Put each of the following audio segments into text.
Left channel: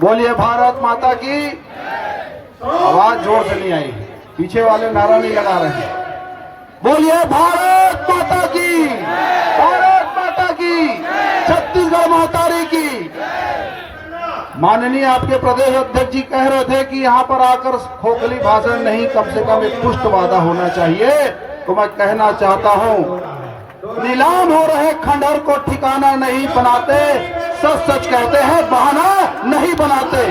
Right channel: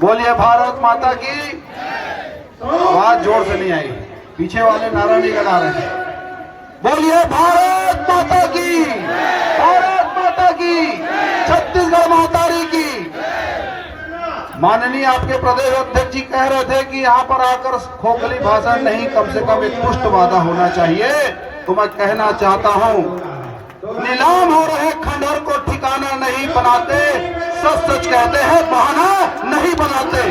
बोलिए भारत माता की। आवाज जोर से नहीं आई, पीछे वाले नारा नहीं लगा रहे हैं। बोलिए भारत माता की, भारत माता की, छत्तीसगढ़ महातारी की। माननीय आपके प्रदेश अध्यक्ष जी कह रहे थे कि यहाँ पर आकर खोखली भाषण नहीं, कम से कम एक पुष्ट वादा होना चाहिए। तो मैं कहना चाहता हूँ, नीलाम हो रहे खंडहर को ठिकाना नहीं बनाते, सच सच कहते हैं, बहाना नहीं बनाते।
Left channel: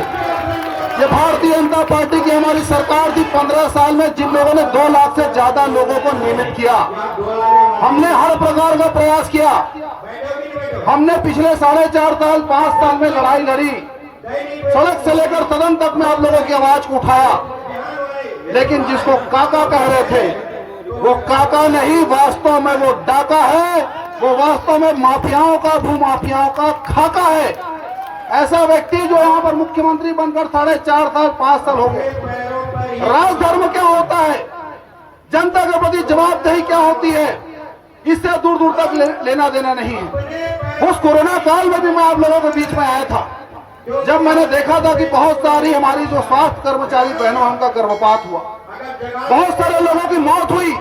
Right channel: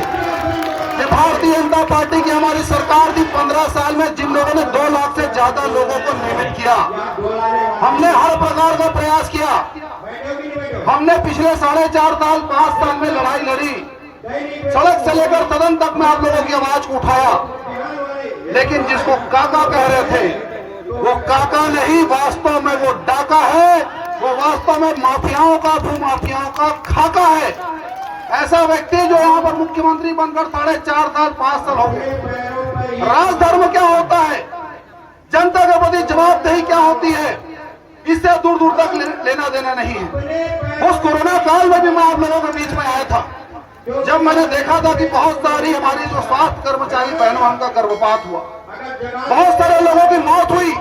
ये भारतीय जनता पार्टी की हमारी सरकार थी 15 साल में, जिन लोगों ने 2 लाख से ज्यादा लोगों को नियमित किया। हमने हर प्रकार का प्रयास किया। हमने पिछले 4.5 साल 5 साल में लड़ाई लड़ी, सड़क से लेकर सदन तक में आप लोगों की आवाज को उठाया। लेकिन जिसको काका कह रहे थे, वो काका नहीं, वास्तव में वो डाका है। वो वास्तव में माफियाओं का, भूमाफियाओं का खाका है। ऐसा व्यक्ति जो यहाँ पर मुख्यमंत्री बनकर 4.5 साल 5 साल हो गए। राजधर्म क्या होता है, जनता के प्रति जवाबदेही क्या होती है, इससे दूर दूर तक लेना देना नहीं है। उस कोरोना काल में भी मैं आप लोगों के बीच में आया था, जब मैंने देखा था कि बहुत सारी हमारी जो स्वास्थ्य कर्मचारी बहनों, उनका गर्भपात हुआ, बहुत सारे लोगों की मौत हुई।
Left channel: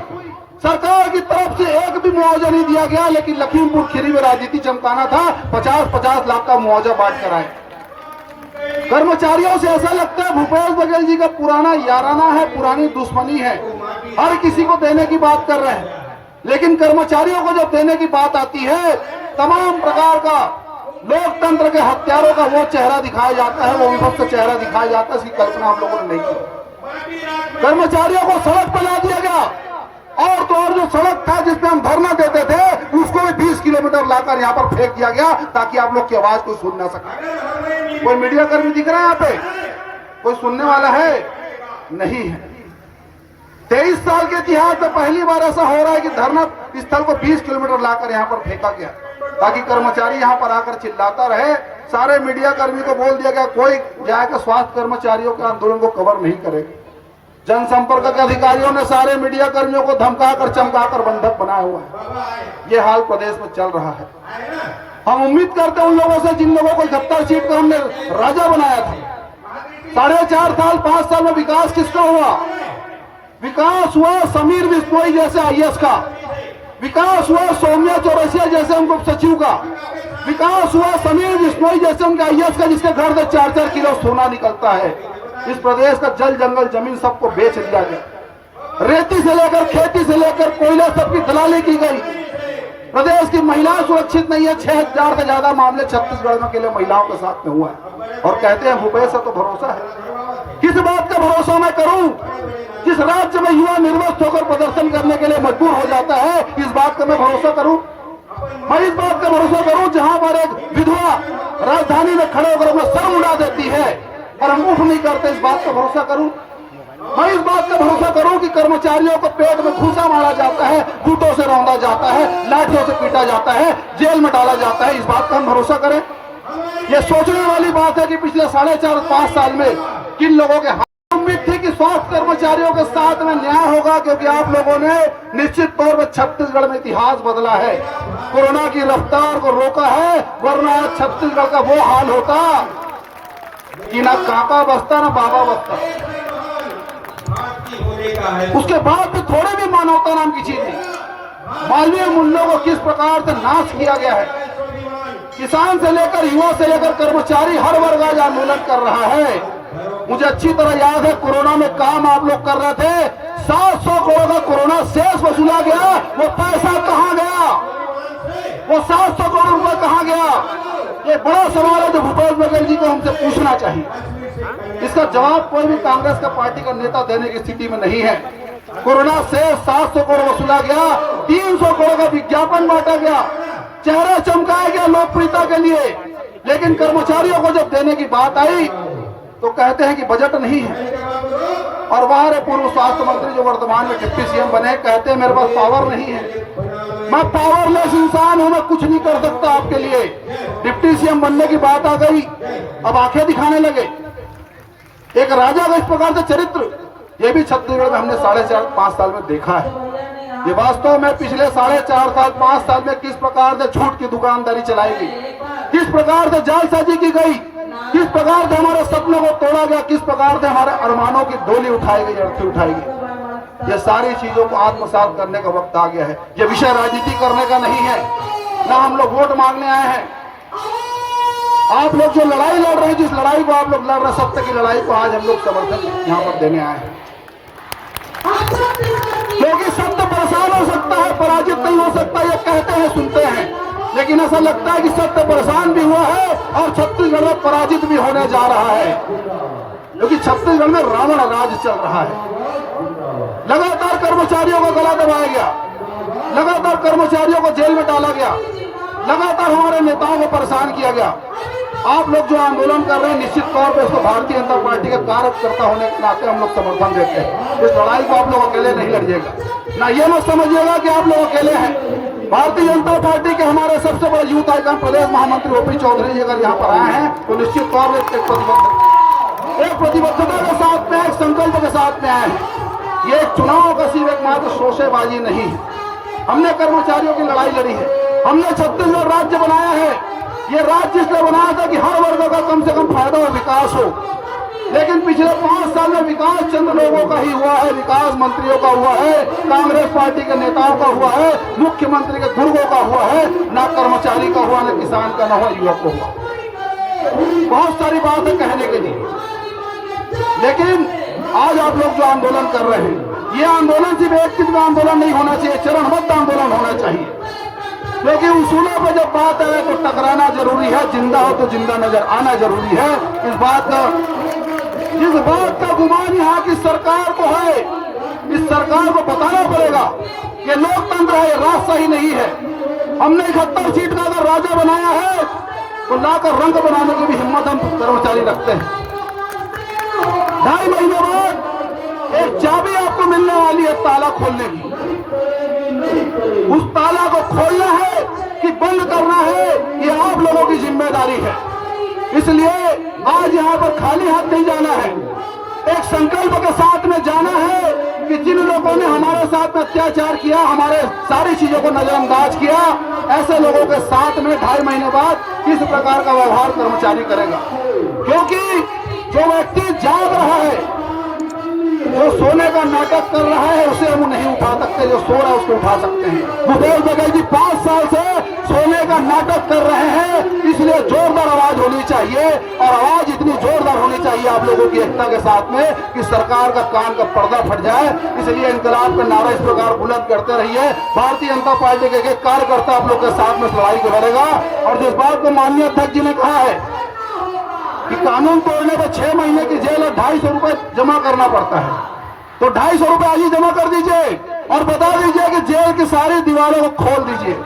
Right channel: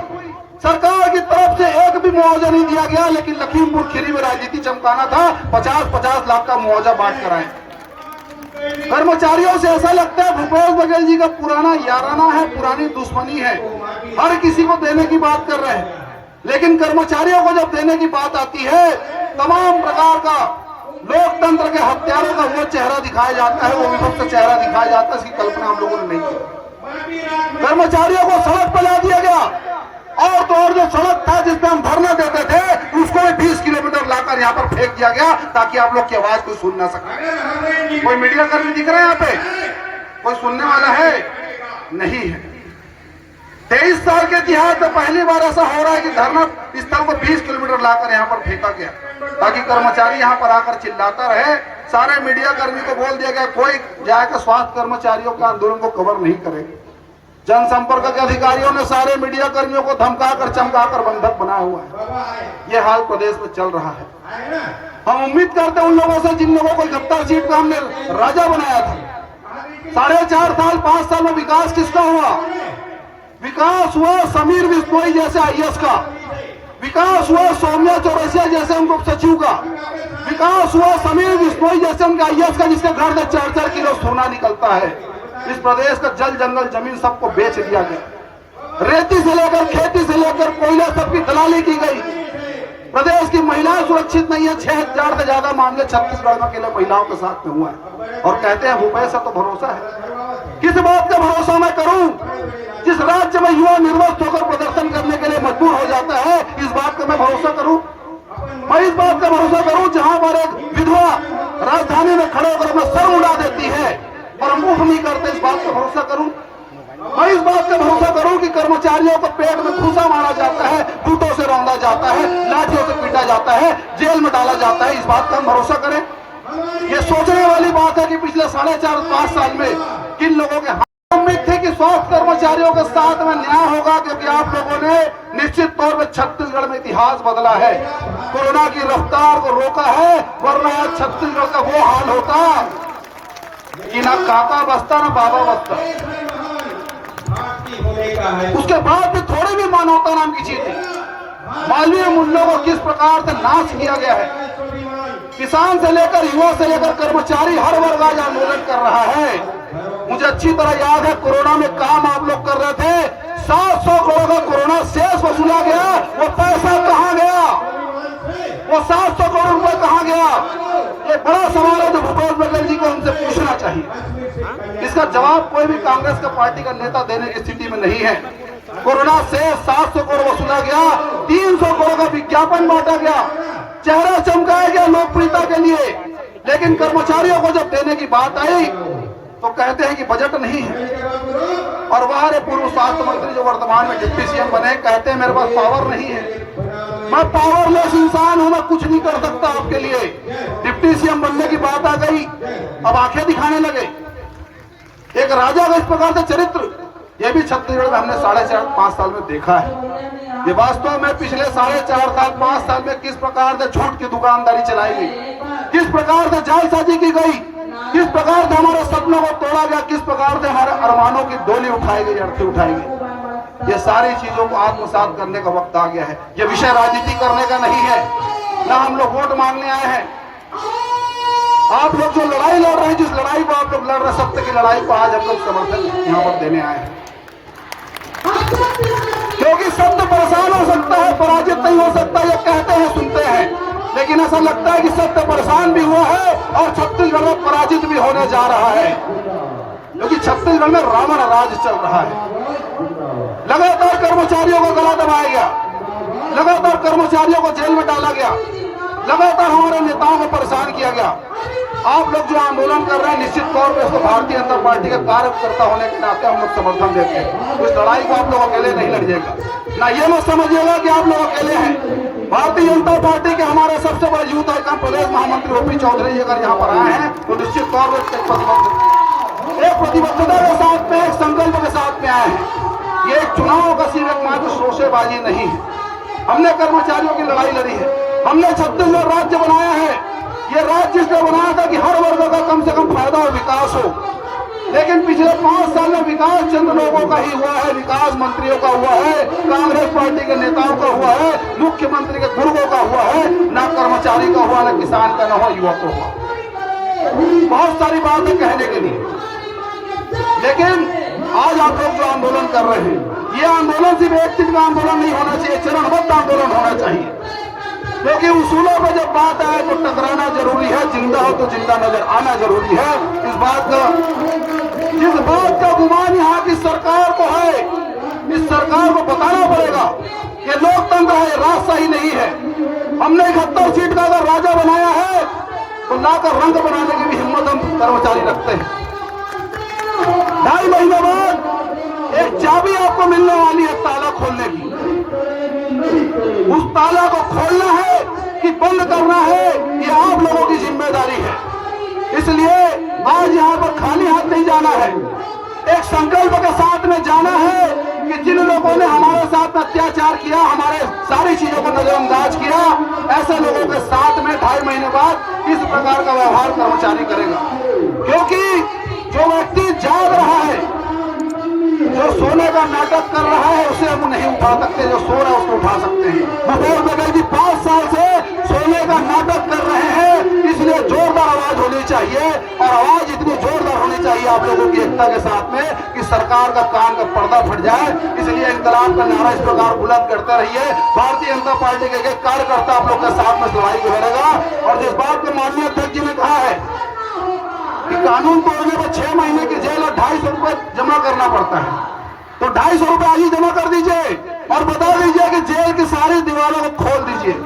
सरकार की तरफ से एक भी मुआवजा नहीं दिया गया, लेकिन लखीमपुर खीरी में राजनीति चमकाना था, 50-50 लाख का मुआवजा बांट कर आए। कर्मचारियों से ऐसा लगता है भूपेश बघेल जी का पुराना याराना है, पुरानी दुश्मनी है, हर किसी को देने की बात कर रहे हैं। लेकिन कर्मचारियों को जब देने की बात आती है, तमाम प्रकार का लोकतंत्र के हत्यारों का वो चेहरा दिखाया जाता है, वो विभक्त चेहरा दिखाया जाता है, इसकी कल्पना हम लोगों ने नहीं की। कर्मचारियों को सड़क पर ला दिया गया, और तो और जो सड़क था जिसपे हम धरना देते थे, उसको भी 20 किलोमीटर लाकर यहाँ पर फेंक दिया गया, ताकि आप लोग की आवाज को सुन ना सके। कोई मीडिया कर्मी दिख रहा है यहाँ पे? कोई सुनने वाला है? नहीं है। 23 साल के इतिहास में पहली बार ऐसा हो रहा है कि धरना स्थल को 20 किलोमीटर लाकर यहाँ पर फेंका गया, ताकि कर्मचारी यहाँ पर आकर चिल्लाता रहे। सारे मीडिया कर्मी को बोल दिया गया, कोई जाकर स्वास्थ्य कर्मचारियों के आंदोलन को कवर नहीं करेगा। जनसंपर्क के अधिकारियों ने सारे मीडिया कर्मियों को धमकाकर चमकाकर बंधक बनाया हुआ है। ये हाल प्रदेश में चल रहा है। हम उम्मीद करते हैं उन लोगों से जिन लोगों को 71 सीट का हमने राजा बनाया था। 4.5 साल 5 साल में विकास किसका हुआ? विकास हुआ समीर बिश्नोई जैसे IAS का, विकास हुआ सौम्या चौरसिया जैसे उनको सचिव का, विकास हुआ समीर बिश्नोई जैसे उनके IAS का, जिसके घर से 4-4 किलो सोना निकलता है। इस प्रदेश का जल जंगल जमीन सबको बेच दिया गया। रेती से लेकर खेती से लेकर कोयला सबकी दलाली की गई। प्रदेश की महिलाएं सुरक्षित नहीं है। 6,000 से ज्यादा मामले छत्तीसगढ़ में अकेले महिलाओं के साथ में हुआ है। और कहते हैं भूपेश से तो भरोसा है। किस बात का भरोसा मैं करूं? जिस राज्य में युवा निर्वस्त होकर प्रदर्शन करने के लिए मजबूर हो जाता है, इस बात का मैं भरोसा करूं? मैं इस बात का भरोसा करूं जहां पर एक विधवा राजधानी में खड़े होकर अपना सर उड़ा देती है और हम मुख नहीं करते, इस बात का भरोसा करूं? मैं इस बात का भरोसा करूं कि कर्मचारियों को पेट में घूसा मारा जाता है, बूटों से रौंदा जाता है, लाठियों से पीटा जाता है, जेल में डाला जाता है, इस बात का हम भरोसा करें? ये सोचने वाली बात है कि पिछले 4.5-5 साल में किन लोगों के उम्मीद थी कि स्वास्थ्य कर्मचारियों के साथ में न्याय होगा, क्योंकि आप लोगों ने निश्चित तौर पर छत्तीसगढ़ में इतिहास बदला है, कोरोना की रफ्तार को रोका है, वरना छत्तीसगढ़ का वो हाल होता कि ना काका बसता ना बाबा बसता। उसके बाद भी थोड़ी भी मानवता नाम की चीज नहीं। मालवीय मूल्यों को किस प्रकार से नाश किया गया है। किसान से लेकर युवा से लेकर कर्मचारी हर वर्ग आज आंदोलन कर रहा है। मुझे अच्छी तरह याद है, कोरोना में काम आप लोग कर रहे थे, 700 करोड़ का कोरोना शेष वसूला गया। वो पैसा कहाँ गया? वो 700 करोड़ रुपए कहाँ गया? ये बड़ा सवाल है जो भूपेश बघेल जी को हमसे पूछना चाहिए। इसका जवाब कोई भी कांग्रेस का पार्टी का नेता देने की स्थिति में नहीं है। कोरोना से 700 करोड़ वसूला गया, 300 करोड़ का विज्ञापन बांटा गया, चेहरा चमकाया गया लोकप्रियता के लिए। लेकिन कर्मचारियों को जब देने की बात आई तो कहते हैं कि बजट नहीं है। और बाहर पूर्व स्वास्थ्य मंत्री जो वर्तमान में डिप्टी CM बने, कहते हैं मेरे पास पावर नहीं है, मैं पावरलेस इंसान हूं, मैं कुछ नहीं कर सकता आपके लिए। डिप्टी CM बनने की बात आ गई, अब आंखें दिखाने लगे। एक राजा का इस प्रकार से चरित्र, ये भी छत्तीसगढ़ में हमने 4.5-5 साल में देखा है। ये वास्तव में पिछले 4.5 साल 5 साल में किस प्रकार से झूठ की दुकानदारी चलाई गई। किस प्रकार से जालसाजी की गई, किस प्रकार से हमारे सपनों को तोड़ा गया, किस प्रकार से हमारे अरमानों की डोली उठाई गई, अर्थी उठाई गई। ये सारी चीजों को आत्मसात करने का वक्त आ गया है। ये विषय राजनीति करने का नहीं है, ना हम लोग वोट मांगने आए हैं। आप लोग जो लड़ाई लड़ रहे हैं, जिस लड़ाई को आप लोग लड़ रहे हैं, सत्य की लड़ाई को आज हम लोग समर्थन यहाँ पर देने आए हैं। क्योंकि सत्य परेशान हो सकता है, पराजित नहीं हो सकता, ये कहते हैं सुनते हैं, लेकिन ऐसा लगता है कि सत्य परेशान भी हुआ है और छत्तीसगढ़ में पराजित भी होने जा रहा है। क्योंकि छत्तीसगढ़ में रावण राज चल रहा है। लगातार कर्मचारियों को गला दबाया गया, लगातार कर्मचारियों को जेल में डाला गया, लगातार हमारे नेताओं को परेशान किया गया। आप लोग जो आंदोलन कर रहे हैं, निश्चित तौर पर इसको भारतीय जनता पार्टी के कार्यकर्ता होने के नाते हम लोग समर्थन देते हैं। इस लड़ाई को आप लोग अकेले नहीं लड़िएगा, ना ये न समझिएगा कि आप लोग अकेले हैं। भारतीय जनता पार्टी के हमारे सबसे बड़े यूथ आइकन प्रदेश महामंत्री ओपी चौधरी जी अगर यहाँ पर आए हैं तो निश्चित तौर पर एक प्रतिबद्धता के साथ में, एक संकल्प के साथ में आए हैं। ये चुनाव का सिर्फ एकमात्र शोषेबाजी नहीं है। हमने कर्मचारियों की लड़ाई लड़ी है, हमने छत्तीसगढ़ राज्य बनाया है। ये राज्य इसलिए बनाया था कि हर वर्ग का कम से कम फायदा और विकास हो। लेकिन पिछले 5 साल में विकास चंद लोगों का ही हुआ है, विकास मंत्रियों का हुआ है, कांग्रेस पार्टी के नेताओं का हुआ है, मुख्यमंत्री के गुर्गों का हुआ है, ना कर्मचारी का हुआ, ना किसान का, ना हुआ युवकों का। बहुत सारी बातें कहने के लिए, लेकिन आज आप लोग जो आंदोलन कर रहे हैं, ये आंदोलन सिर्फ एक चीज का आंदोलन नहीं होना चाहिए, चरणबद्ध आंदोलन होना चाहिए। क्योंकि उसूलों पर जब बात आए तो टकराना जरूरी है, जिंदा हो तो जिंदा नजर आना जरूरी है। जिस बात का गुमान यहाँ की सरकार को है, इस सरकार को बताना पड़ेगा कि लोकतंत्र है, राजशाही नहीं है। हमने 71 सीट का अगर राजा बनाया है तो लाकर रंग बनाने की भी हिम्मत हम कर्मचारी रखते हैं। 2.5 महीने बाद एक चाबी आपको मिलने वाली है ताला खोलने की। उस ताला को खोलना है कि बंद करना है, ये आप लोगों की जिम्मेदारी है। इसलिए आज यहाँ पर खाली हाथ नहीं जाना है, एक संकल्प के साथ में जाना है कि जिन लोगों ने हमारे साथ में अत्याचार किया, हमारे सारी चीजों को नजरअंदाज किया, ऐसे लोगों के साथ में 2.5 महीने बाद किस प्रकार का व्यवहार कर्मचारी करेगा। क्योंकि जो व्यक्ति जाग रहा है, जो सोने का नाटक कर रहा है, उसे हम नहीं उठा सकते, जो सो रहे हैं उसको उठा सकते हैं। भूपेश बघेल जी 5 साल से सोने का नाटक कर रहे हैं, इसलिए जोरदार आवाज होनी चाहिए, और आवाज इतनी जोरदार होनी चाहिए आप लोगों की एकता के साथ में कि सरकार का कान का पर्दा फट जाए। इसलिए इंकलाब का नारा इस प्रकार बुलंद करते रहिए। भारतीय जनता पार्टी के एक कार्यकर्ता आप लोग के साथ में लड़ाई को लड़ेगा। और जिस बात को माननीय अध्यक्ष जी ने कहा है कि कानून तोड़ने पर 6 महीने की जेल और 250 रुपए जमा करना पड़ता है, तो 250 रुपए आज ही जमा कर दीजिए और बता दीजिए कि जेल की सारी दीवारों को खोल दीजिए।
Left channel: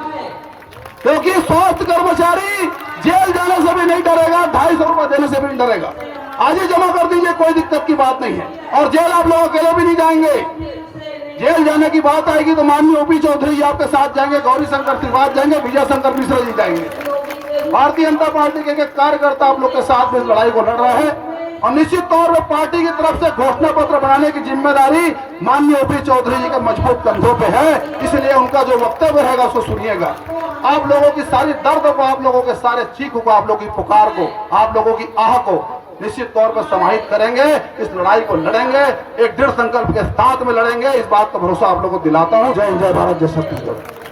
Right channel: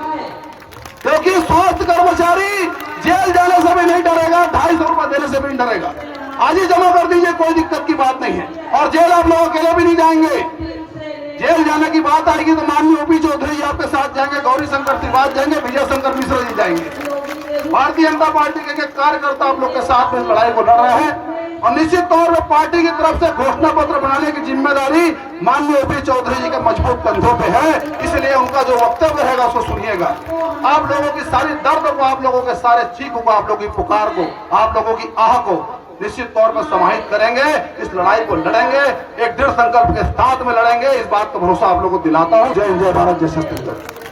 क्योंकि स्वास्थ्य कर्मचारी जेल जाने से भी नहीं डरेगा, 250 रुपए देने से भी नहीं डरेगा। आज ही जमा कर दीजिए, कोई दिक्कत की बात नहीं है। और जेल आप लोग अकेले भी नहीं जाएंगे। जेल जाने की बात आएगी तो माननीय ओपी चौधरी जी आपके साथ जाएंगे, गौरी शंकर त्रिपाठी जाएंगे, विजय शंकर मिश्रा जी जाएंगे। भारतीय जनता पार्टी के कार्यकर्ता आप लोग के साथ में लड़ाई को लड़ रहे हैं। और निश्चित तौर पर पार्टी की तरफ से घोषणा पत्र बनाने की जिम्मेदारी माननीय ओपी चौधरी जी के मजबूत कंधों पे है। इसलिए उनका जो वक्तव्य रहेगा उसको सुनिएगा। आप लोगों की सारी दर्द को, आप लोगों के सारे चीख को, आप लोगों की पुकार को, आप लोगों की आह को निश्चित तौर पर समाहित करेंगे। इस लड़ाई को लड़ेंगे, एक दृढ़ संकल्प के साथ में लड़ेंगे। इस बात का भरोसा आप लोगों को दिलाता हूँ। जय हिंद, जय भारत, जय छत्तीसगढ़।